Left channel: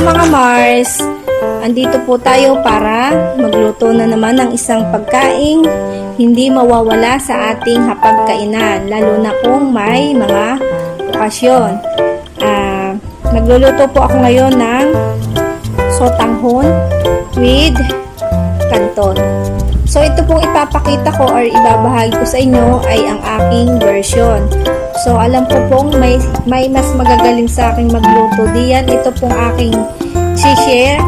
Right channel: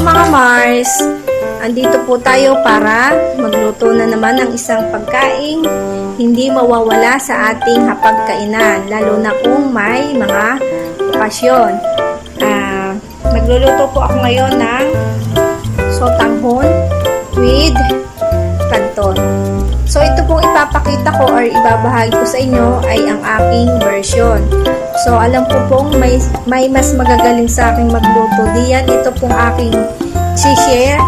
mga Mars, andito po tayo para magluto na naman ng isang pagkain hindi mawawala sa ating hapagkainan, lalo na kung may mga okasyon. Magluluto po ako ngayon ng Sotanghon with Canton. So ito pong ipapakita ko or ibabahagi ko sa inyo ay ang aking version. So alam ko pong may mas magagaling sa aking magluto diyan. Ito pong aking share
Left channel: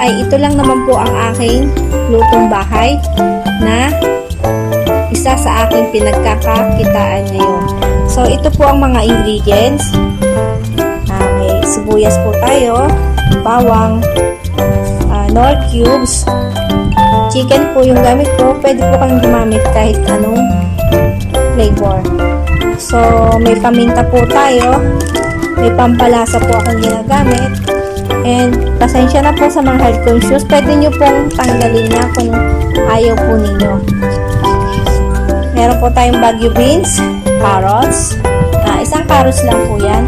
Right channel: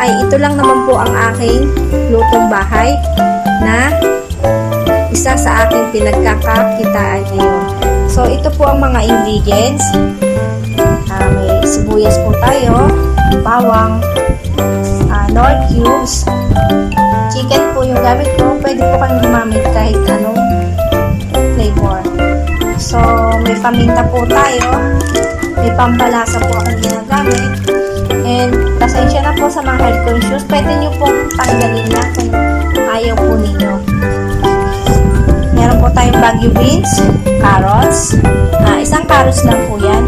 ay ito lang naman po ang aking lutong bahay na isa sa aking pinagkakakitaan ngayon. So ito po ang mga ingredients. May sibuyas po tayo, bawang, nor cubes, chicken po yung gamit ko. Pwede po kayong gumamit kahit anong flavor. So may paminta po tayo, may pampalasa po akong ginagamit. And pasensya na po sa mga health conscious, pwede nyo pong tanggalin na kung ayaw po ninyo. Meron po tayong bagu beans, carrots, isang carrots lang po yan,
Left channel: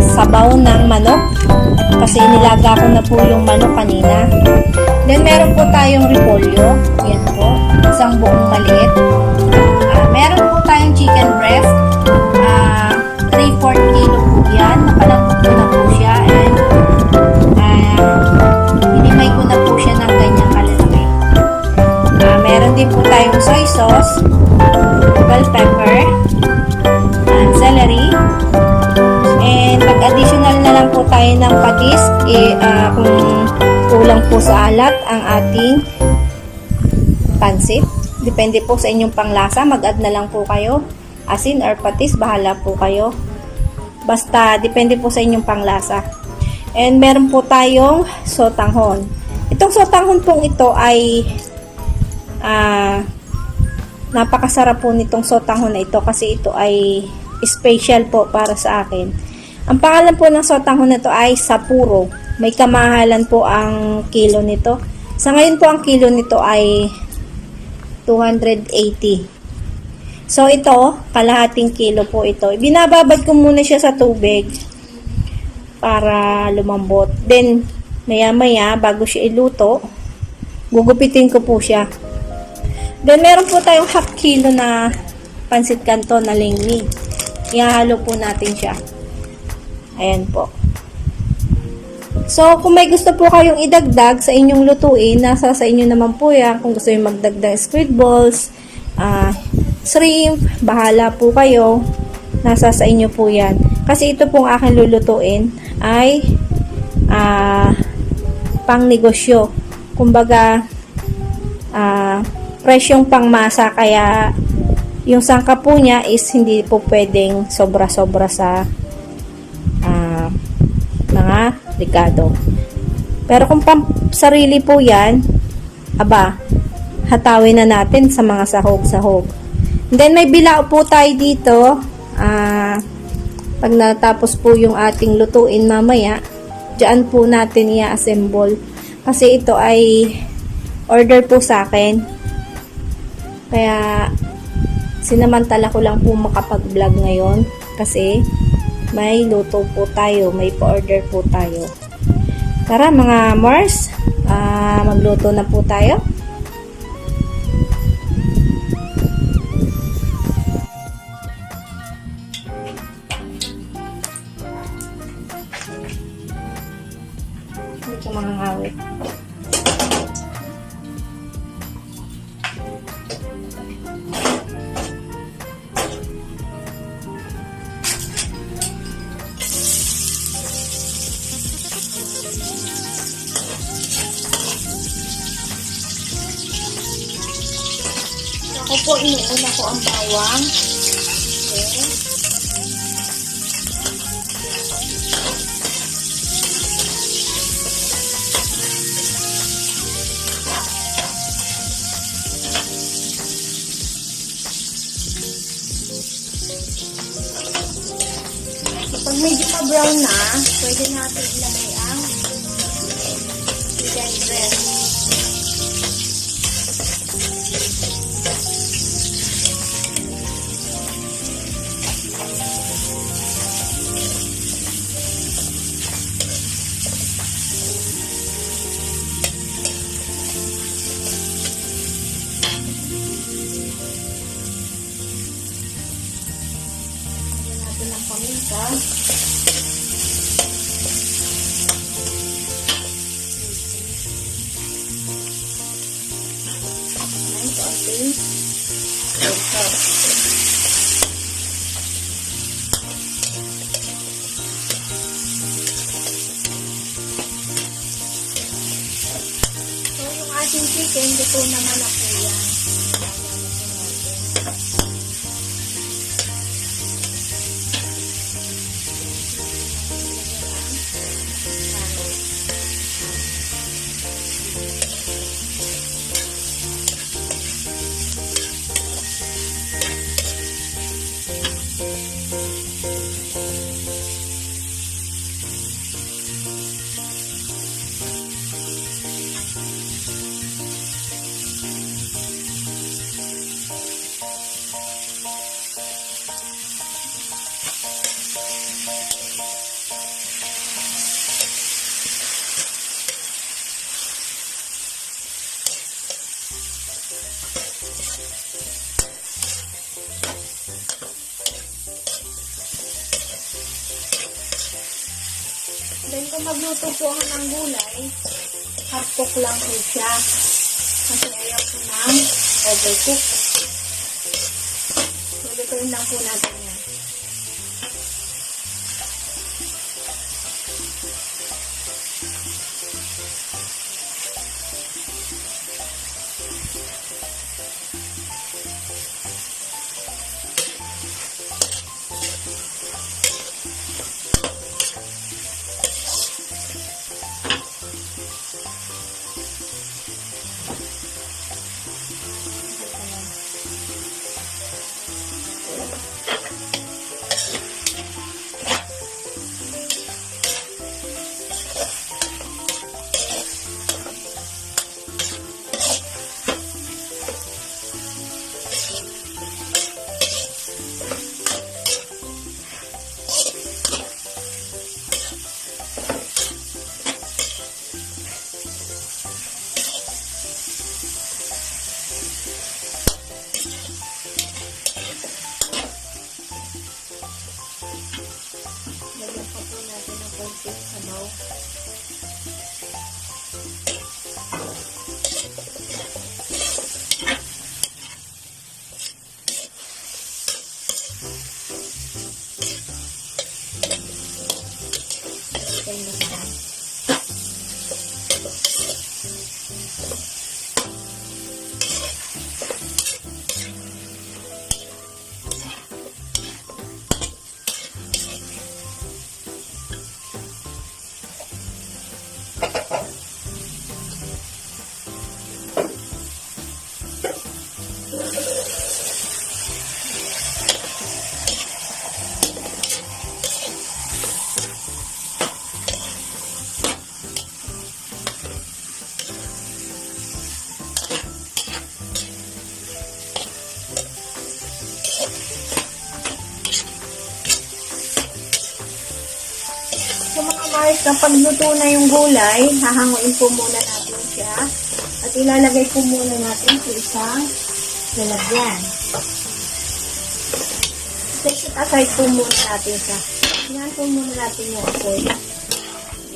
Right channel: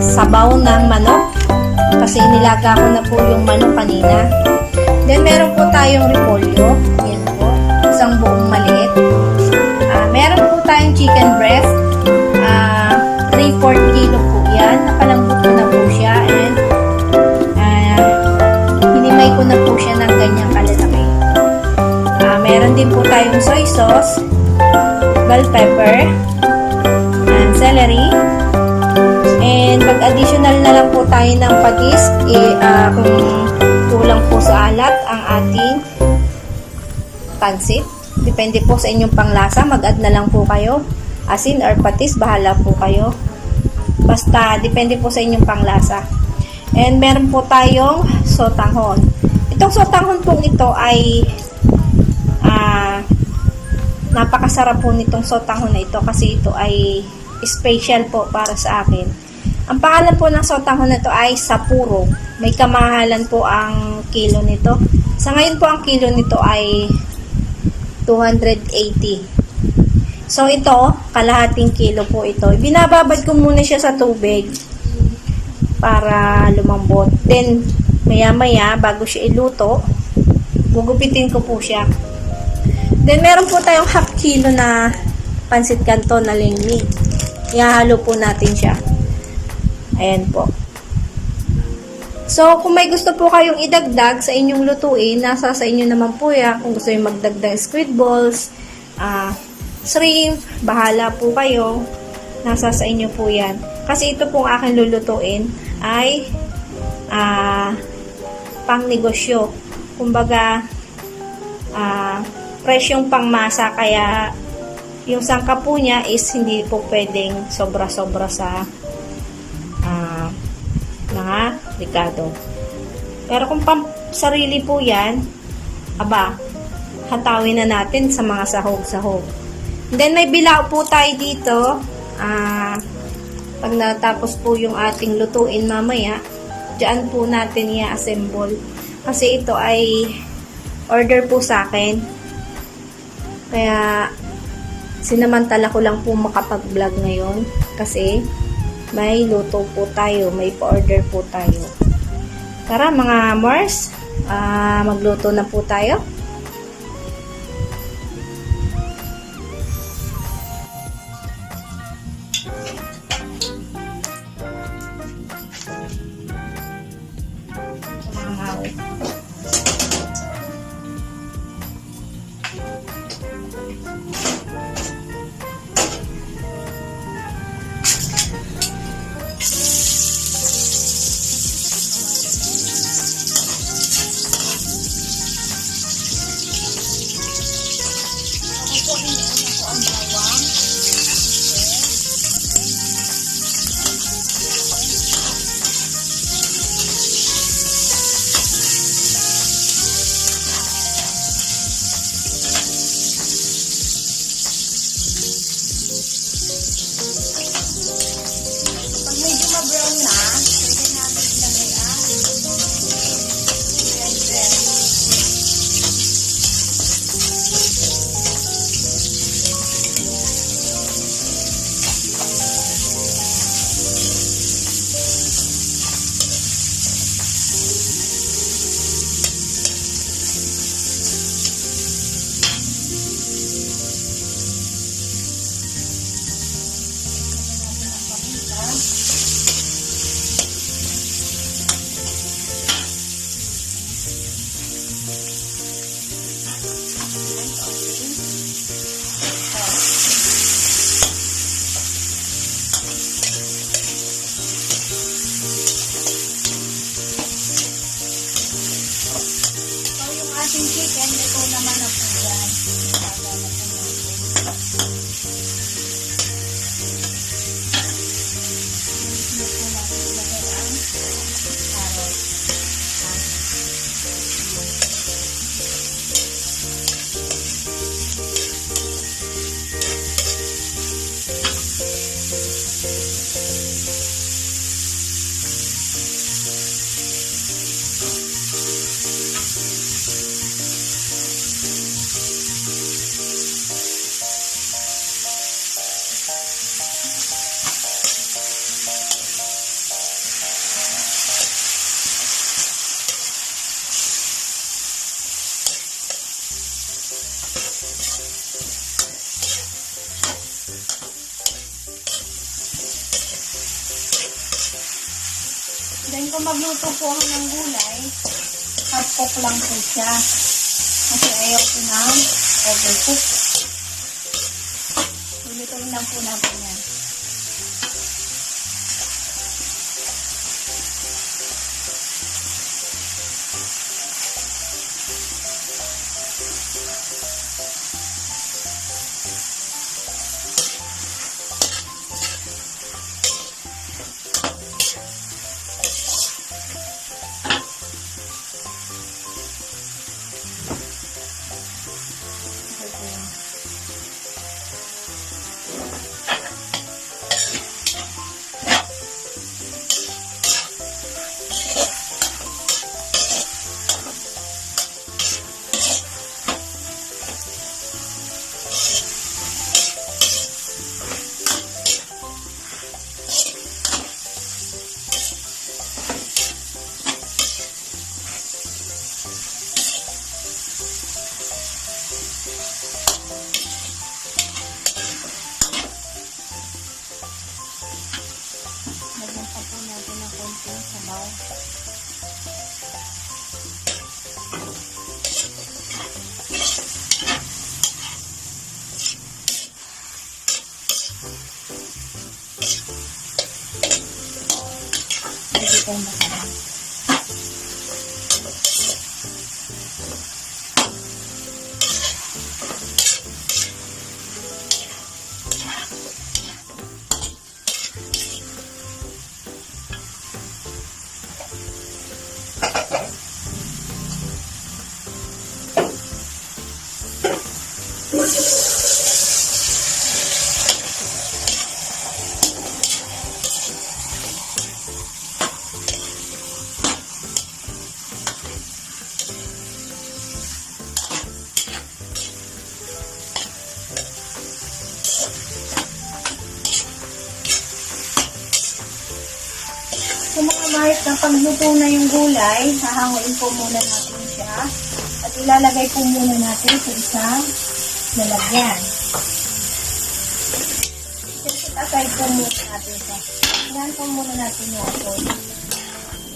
sabaw ng manok, kasi inilaga ko na po yung manok kanina. Then meron po tayong repolyo, yan po, isang buong maliit. Meron po tayong chicken breast, 3/4 kilo po yan, nakalambot ko na po siya, and hinimay ko na po siya ng ganyang kalalaki. Meron din po tayong soy sauce, bell pepper, celery, and pag-additional na lang po tayo ng patis, kung kulang po sa alat ang ating pansit. Depende po sa inyong panglasa, mag-add na lang po kayo. Asin or patis, bahala po kayo. Basta, depende po sa inyong panglasa. And meron po tayong sotanghon. Itong sotanghon pong ito ay napakasarap po nitong sotanghon na ito kasi ito ay special po para sa akin. Ang pangalan po ng sotanghon na ito ay Saporro. May kamahalan po ang kilo nito. Sa ngayon po ang kilo nito ay 280. So ito, kalahating kilo po ito. Binababad ko muna siya sa tubig para lumambot. Then maya-maya bago siya iluto, gugupitin ko po siya. Then meron po tayong half kilo na pansit Canton na ling. Ihahalo po natin siya. Ayan po. So, kung may gusto po kayong idagdag sa inyong lutuin, nasa sa inyo naman po yan. Kung gusto nyo magdagdag squid balls, shrimp, bahala po kayo. Nasa sa inyo po yan. Kasi ito pong aking lulutuin ay pang negosyo. Kumbaga, presyong pangmasa, kaya yung sangkap po niya is hindi po pwedeng sobra-sobra sa mga likado. Pero kung sarili po yan, hatawin na natin sa mga sahog-sahog. Then may bilao po tayo dito. Pag natapos po yung ating lutuin mamaya, dyan po natin i-assemble. Kasi ito ay order po sa akin. Kaya sinamantala ko lang po makapag-vlog ngayon kasi may luto po tayo, may pa-order po tayo. Tara mga Mars, magluto na po tayo. Ito mga hawit. Ito, iniuna ko ang bawang. Pag medyo ma-brown na, pwede natin ilagay ang chicken breast. ating chicken, luto naman na po yan. Then kung magluto po ako ng gulay, half cook lang po siya. Kasi ayaw po ng overcook. So, lutuin lang po natin yan. So mga Mars, na pagluto na yung gulay, hahanguin po muna natin siya. At ilalagay po muna natin sa isang lalagyan. Set aside po muna natin siya. Yan po muna natin yung ating.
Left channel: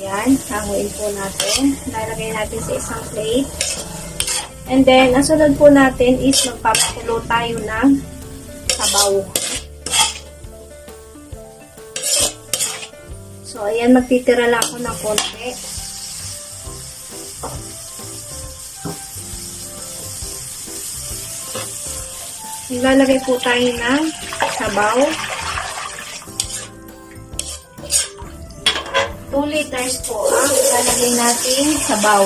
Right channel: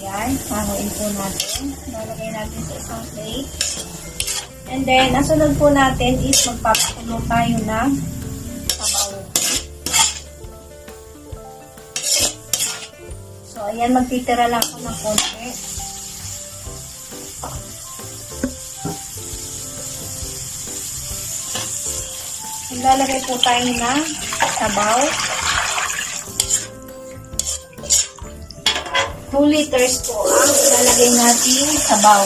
Yan, hanguin po natin. Lalagay natin sa isang plate. And then, ang sunod po natin is magpapakulo tayo ng sabaw. So, ayan, magtitira lang ako ng konti. Ilalagay po tayo ng sabaw. 2 liters po ang ilalagay natin sabaw.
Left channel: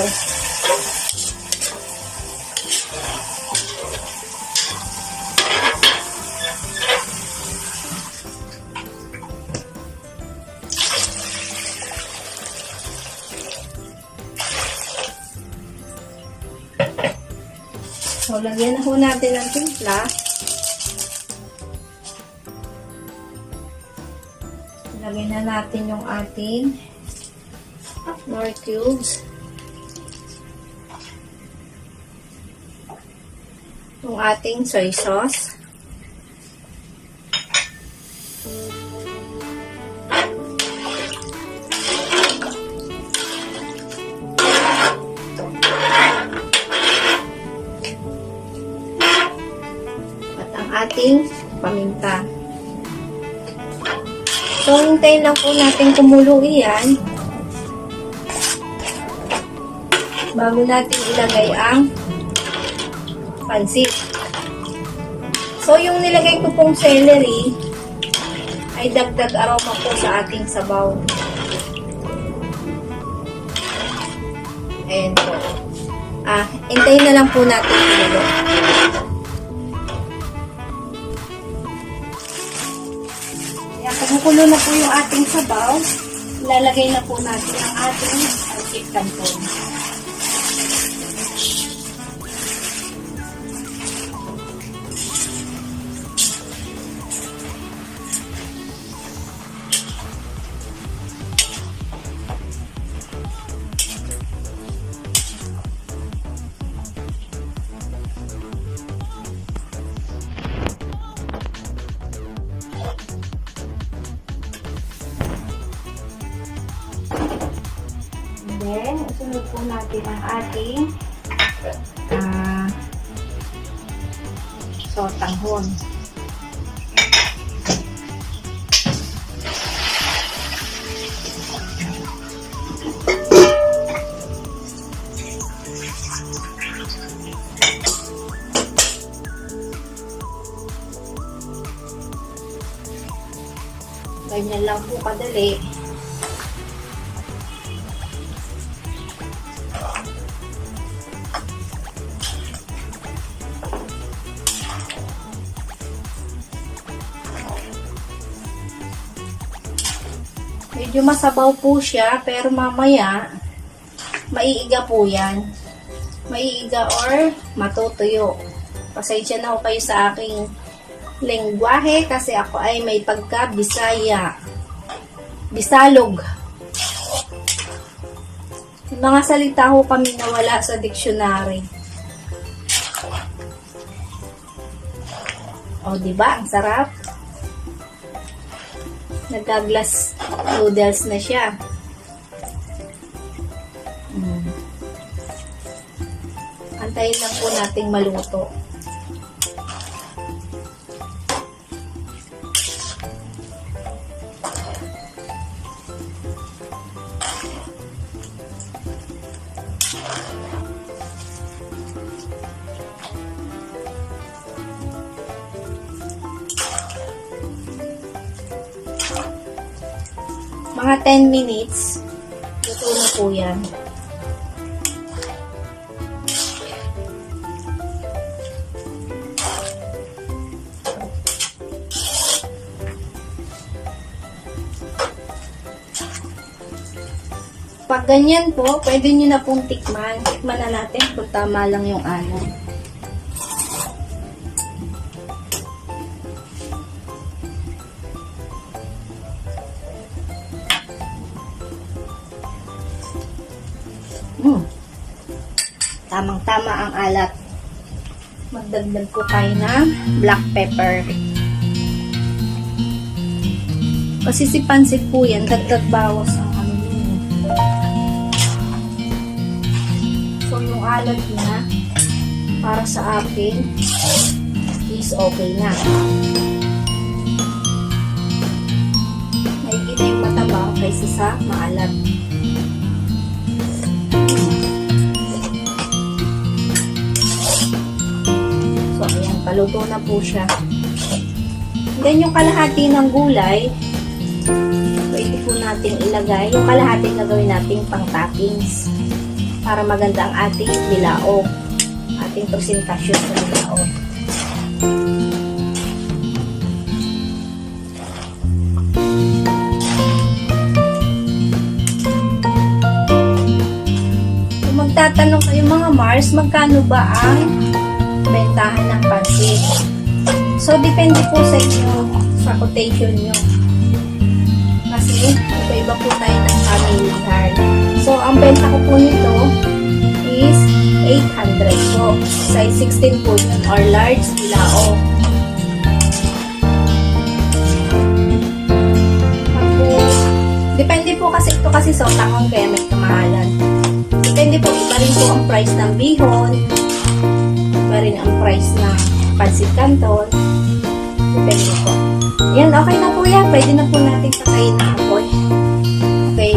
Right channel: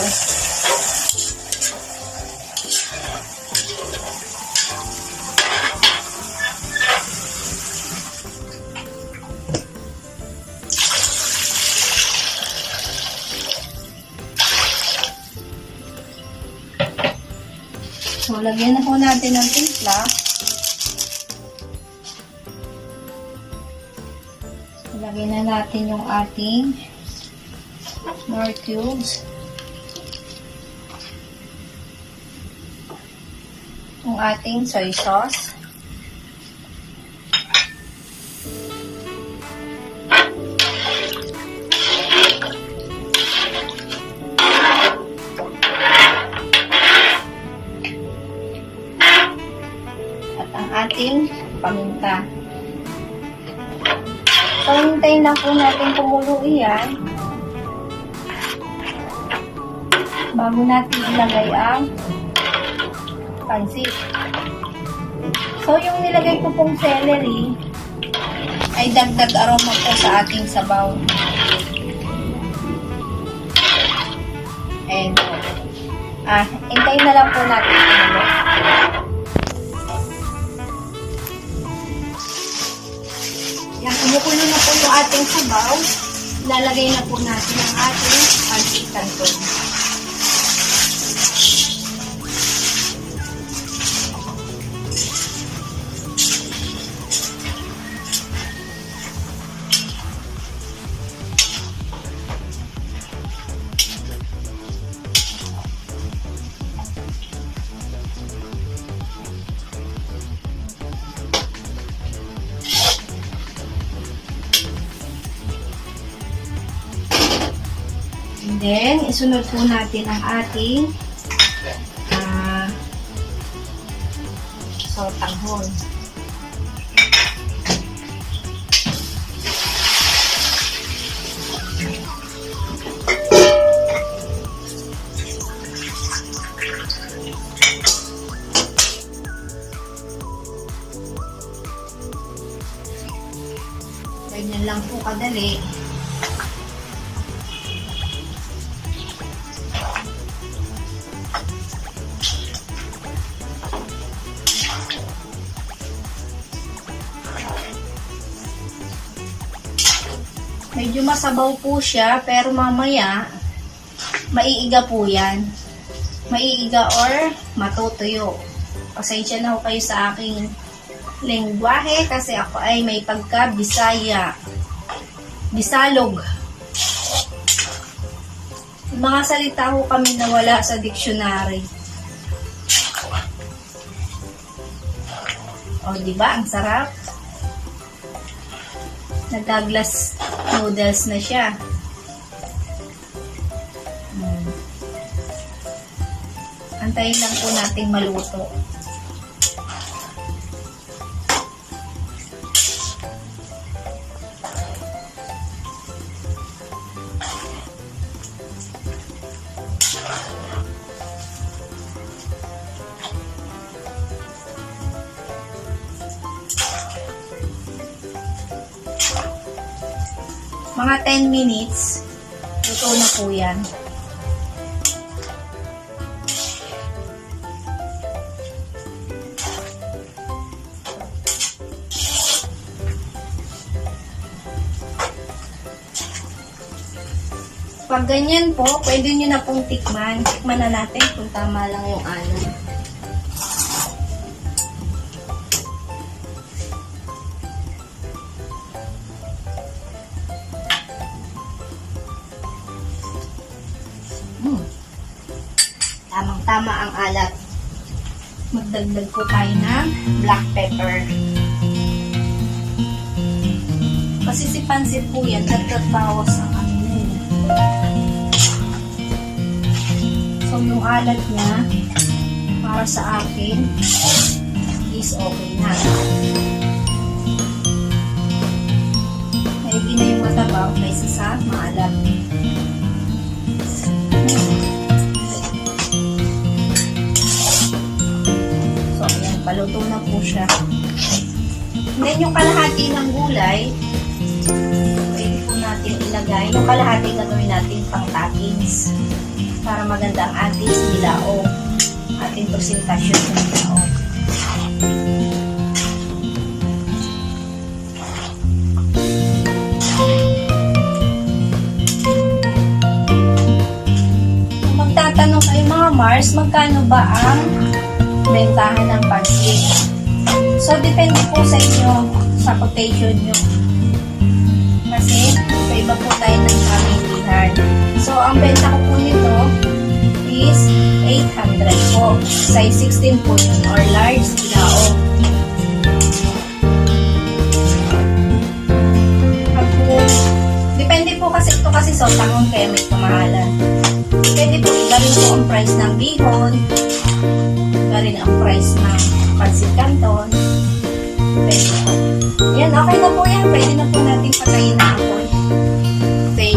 So, lagyan na po natin ng timpla. So, lagyan na natin yung ating more cubes. Yung ating soy sauce. Ating paminta. So, hintayin lang po natin kumulo yan. bago natin ilagay ang pansit. So, yung nilagay ko pong celery ay dagdag aroma po sa ating sabaw. Ayan po. Hintayin na lang po natin ito. Ayan, kumukulo na po yung ating sabaw. Ilalagay na po natin ang ating pancit canton. And then, isunod po natin ang ating sotanghon. Ganyan lang po kadali. Medyo masabaw po siya, pero mamaya maiiga po yan. Maiiga or matutuyo. Pasensya na ho kayo sa aking lengguwahe kasi ako ay may pagka-Bisaya. Bisalog. Yung mga salita ho kami na wala sa dictionary. O, diba? Ang sarap. Nagaglas noodles na siya. Antayin lang po nating maluto. Mga 10 minutes, luto na po yan. Pag ganyan po, pwede nyo na pong tikman. Tikman na natin kung tama lang yung alam. Tamang-tama ang alat. Magdagdag ko tayo ng black pepper. Kasi si pansit po yan, dagdag bawas ang ano yun. So yung alat niya, para sa akin, is okay na. Hindi na yung matabaw kaysa sa maalat. Paluto na po siya. Then yung kalahati ng gulay, pwede po natin ilagay. Yung kalahati gagawin natin pang toppings para maganda ang ating bilao. Ating presentasyon sa bilao. Kung magtatanong kayo mga Mars, magkano ba ang bentahan ng pansit? So, depende po sa inyo, sa quotation nyo. Kasi, iba-iba po tayo ng pamilihan. So, ang benta ko po nito is 800 po. Size 16 po yun, or large bilao. Depende po kasi ito kasi sotanghon kaya may kamahalan. Depende po, iba rin po ang price ng bihon. Iba rin ang price ng pancit canton. Depende po. Yan, okay na po yan. Pwede na po natin patayin na apoy. Okay.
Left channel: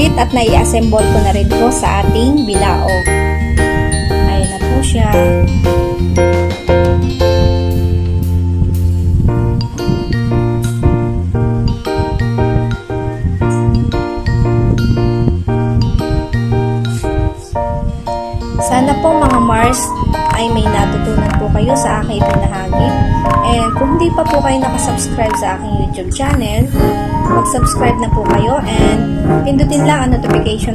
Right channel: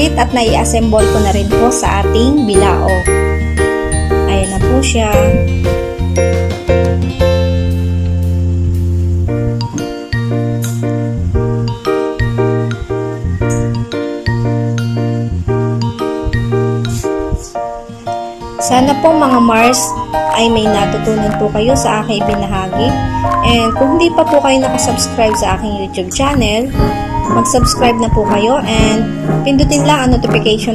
pansit at nai-assemble ko na rin po sa ating bilaog. Ayan na po siya. Sana po mga Mars ay may natutunan po kayo sa aking ibinahagi. And kung hindi pa po kayo nakasubscribe sa aking YouTube channel, mag-subscribe na po kayo and pindutin lang ang notification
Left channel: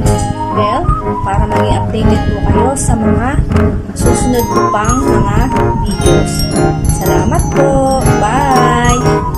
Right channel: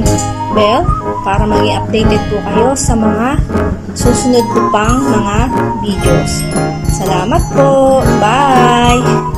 bell para maging updated po kayo sa mga susunod po pang mga videos. Salamat po! Bye!